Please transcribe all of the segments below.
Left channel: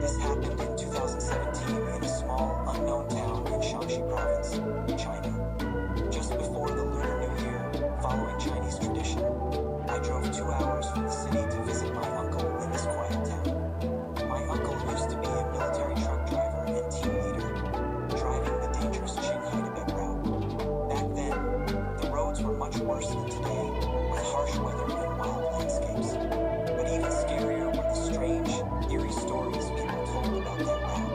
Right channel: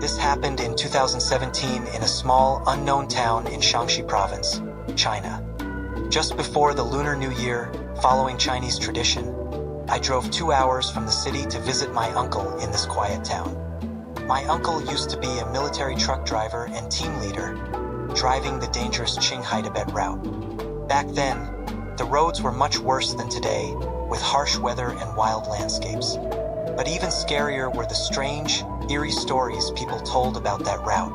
This happened in 2017 in a small, unknown town in Shaanxi province, China. Just before the Lunar New Year, following Chinese tradition, I drove 2 hours from the city to visit my uncle in this quiet town. My uncle used to be a military truck driver and team leader, driving the dangerous Qinghai-Tibet route. Back then, the roads were much worse than today, with harsh weather and wild landscapes. But even scarier were the strange, eerie stories people told about that route.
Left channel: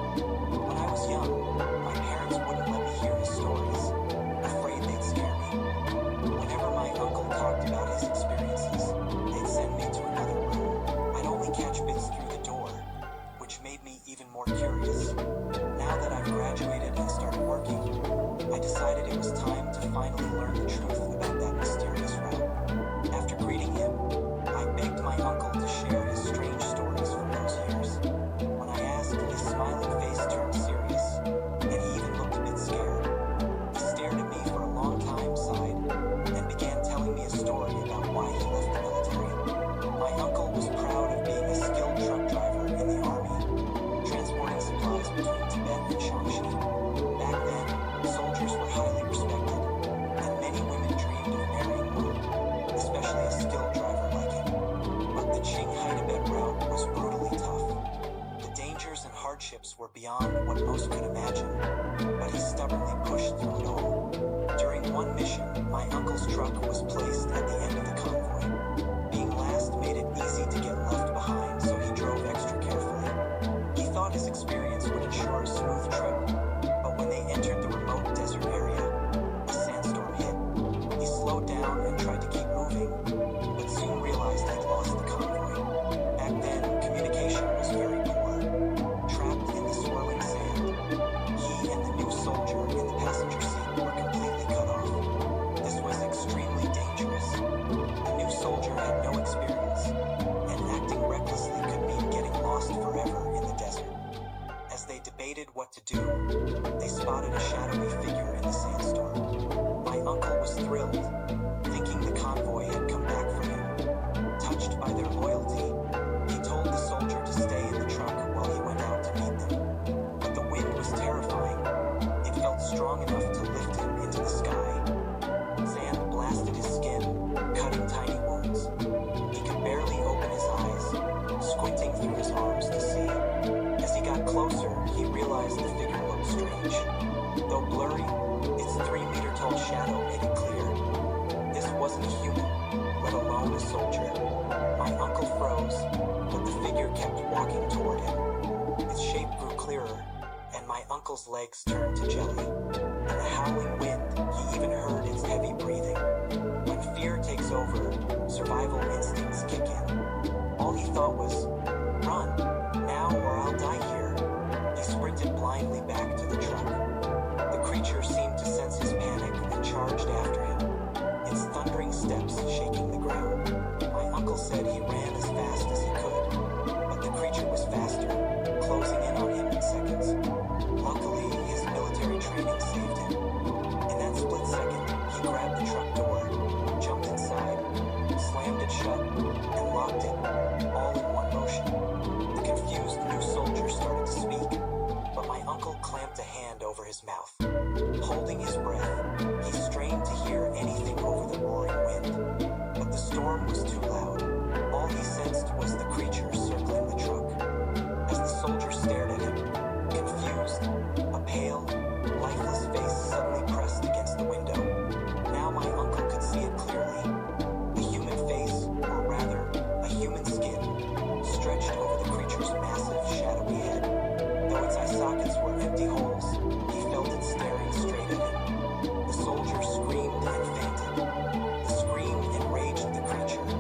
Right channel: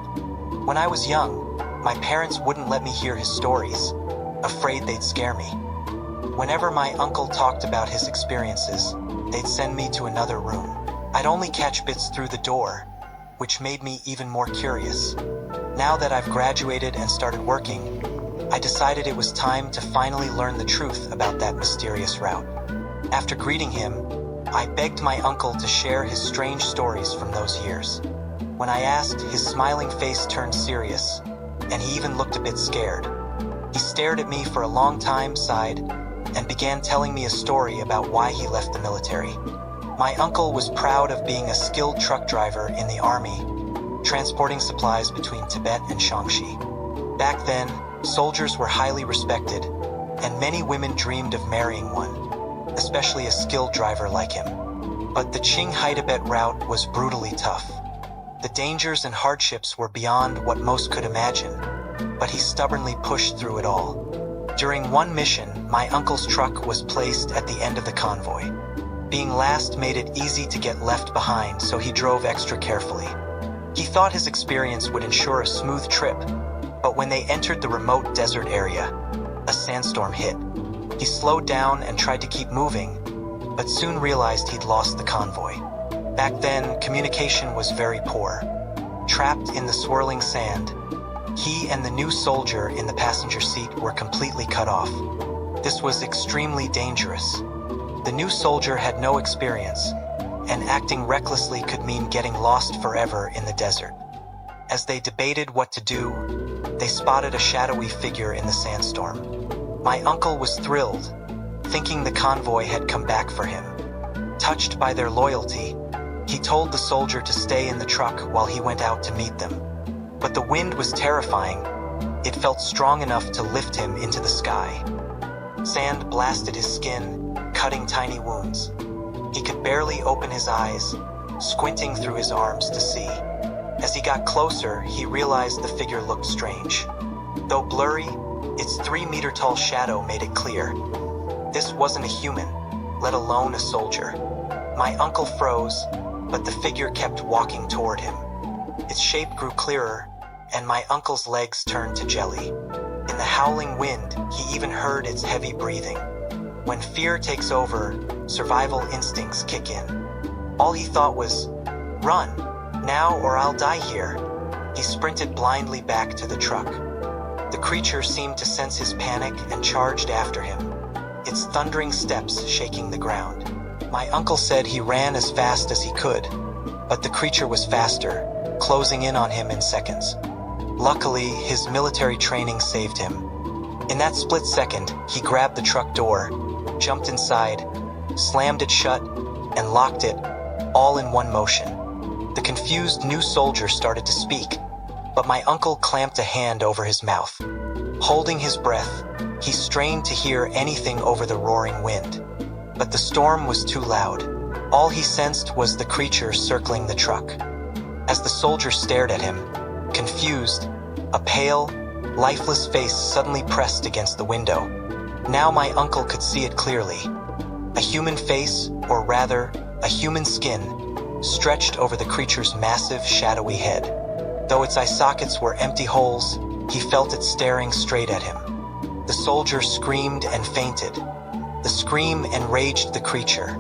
When I was young, my parents wouldn't let me hear his stories, afraid they'd scare me. Whenever my uncle talked about his experiences, they'd send me to another room. I'd only catch bits through the door, which made me even more curious. Now that I've graduated and started working, I decided it was time to finally learn the truth about that mysterious route. After greeting him, I begged my uncle to share his strange stories from those years. When I asked, his smiling face turned serious, and he even looked a bit scared. He stared at me for a long time, sighed, and began telling me a story about why he left the military. My uncle was proud of being a skilled truck driver in the army, transporting supplies between Tibet and Shaanxi. Back then, soldiers were highly respected, and many women dreamed of marrying one, especially a skilled driver like him. But the Qinghai-Tibet route was brutally tough. The dangers and hardships were beyond what most could imagine, but he stubbornly pushed through it all. During one mission, my uncle's truck was placed at the end of the convoy. Being last made it easy to get left behind, so he drove extra carefully. He thought his experience would ensure a smooth trip, but when they entered the remote desert area, a sandstorm hit. He slowed down and tried to keep moving, but soon realized he'd lost the convoy. Back then, communication was very poor. Trapped in the swirling sand, he and the new soldier in the passenger seat were completely cut off. This was extremely dangerous. The new soldier had no experience, and acting recklessly could mean getting lost forever in the desert. As they debated what to do, they spotted a shadowy figure in the sandstorm. My uncle was thrilled, thinking the convoy had come back for him. Touched by their loyalty, he told the soldier to stay in the truck while he went out to meet them. But the wind was terrifying. It felt strong enough to lift him into the sky. Sand blasted his skin, cutting tiny wounds. He could barely open his eyes, squinting through his arms to see. As he got closer, he realized the figure looked strange. Though blurry, its 3-meter-tall shadow made it clear. This wasn't a human, let alone a soldier. My uncle froze, but the figure kept walking toward him. Its shape grew clearer, and my uncle's legs turned to jelly. In the howling wind, he even heard its heavy breathing. When fear takes over, survival instincts kick in. All he thought was, "Run, now or I'll die here." He sprinted blindly back to the truck. The creature seemed to sense his panic and charged after him, its thundering steps shaking the ground. My uncle said he ran as fast as he could, but the creature was faster, closing in on him in seconds. Luckily, his military training saved him. In that split second, he grabbed the truck door, jumped inside, slammed it shut, and locked it, all in one motion. The confused new soldier started to speak, but my uncle clamped a hand over his mouth. Holding his breath, he strained to hear anything over the roaring wind. But the storm was too loud. All he sensed was the creature circling the truck. As the soldier stared at him, confused, a pale, lifeless face suddenly pressed against the window. Now my uncle could see it clearly. A human face, or rather, a human skin, stretched over the creature's massive, shadowy head. Though its eye sockets were empty holes, he felt it staring straight at him. The soldier screamed and fainted. The scream enraged the creature.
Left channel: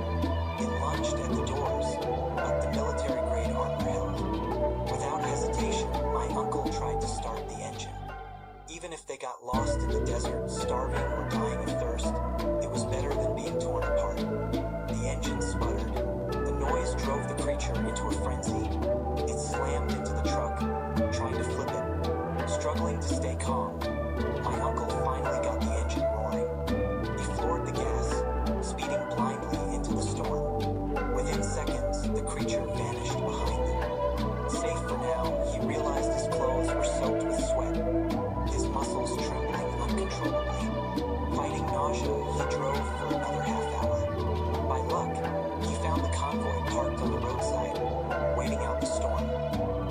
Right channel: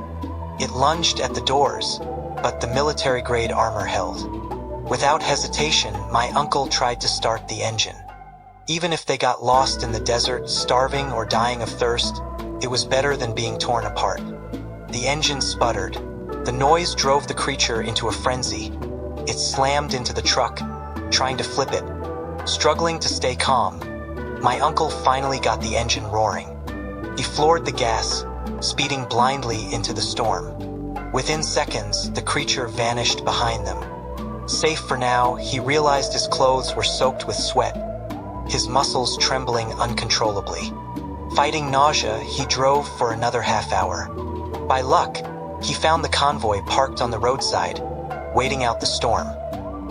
It lunged at the doors, but the military-grade armor held. Without hesitation, my uncle tried to start the engine. Even if they got lost in the desert, starving or dying of thirst, it was better than being torn apart. The engine sputtered. The noise drove the creature into a frenzy. It slammed into the truck, trying to flip it. Struggling to stay calm, my uncle finally got the engine roaring. He floored the gas, speeding blindly into the storm. Within seconds, the creature vanished behind them. safe for now, he realized his clothes were soaked with sweat, his muscles trembling uncontrollably. Fighting nausea, he drove for another half hour. By luck, he found the convoy parked on the roadside, waiting out the storm.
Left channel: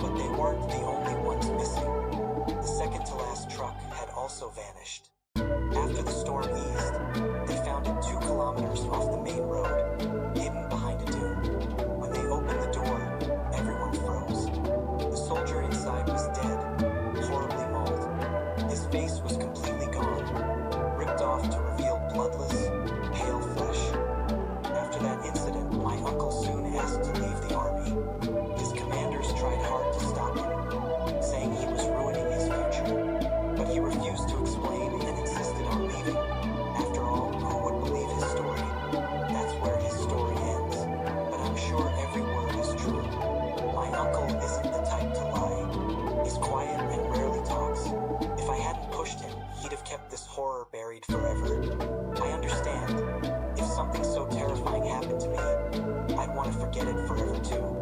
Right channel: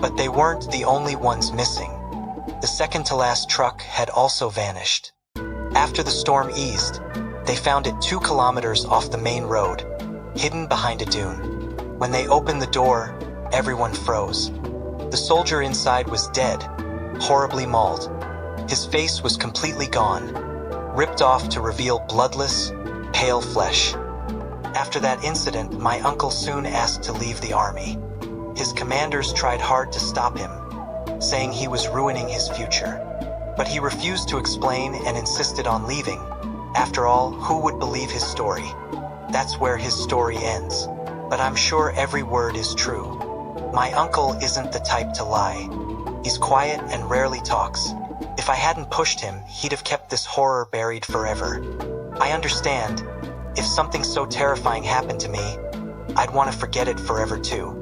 But they weren't the only ones missing. The second-to-last truck had also vanished. After the storm eased, they found it 2 kilometers off the main road, hidden behind a dune. When they opened the door, everyone froze. The soldier inside was dead, horribly mauled. His face was completely gone, ripped off to reveal bloodless, pale flesh. After that incident, my uncle soon asked to leave the army. His commanders tried hard to stop him, saying he was ruining his future. But he refused to explain and insisted on leaving. After all, who would believe his story? That's where his story ends. But I'm sure every word is true. My uncle isn't the type to lie. He's quiet and rarely talks. If I hadn't pushed him, he'd have kept this horror buried forever. I understand. If something so terrifying happened to me, I'd want to forget it forever too.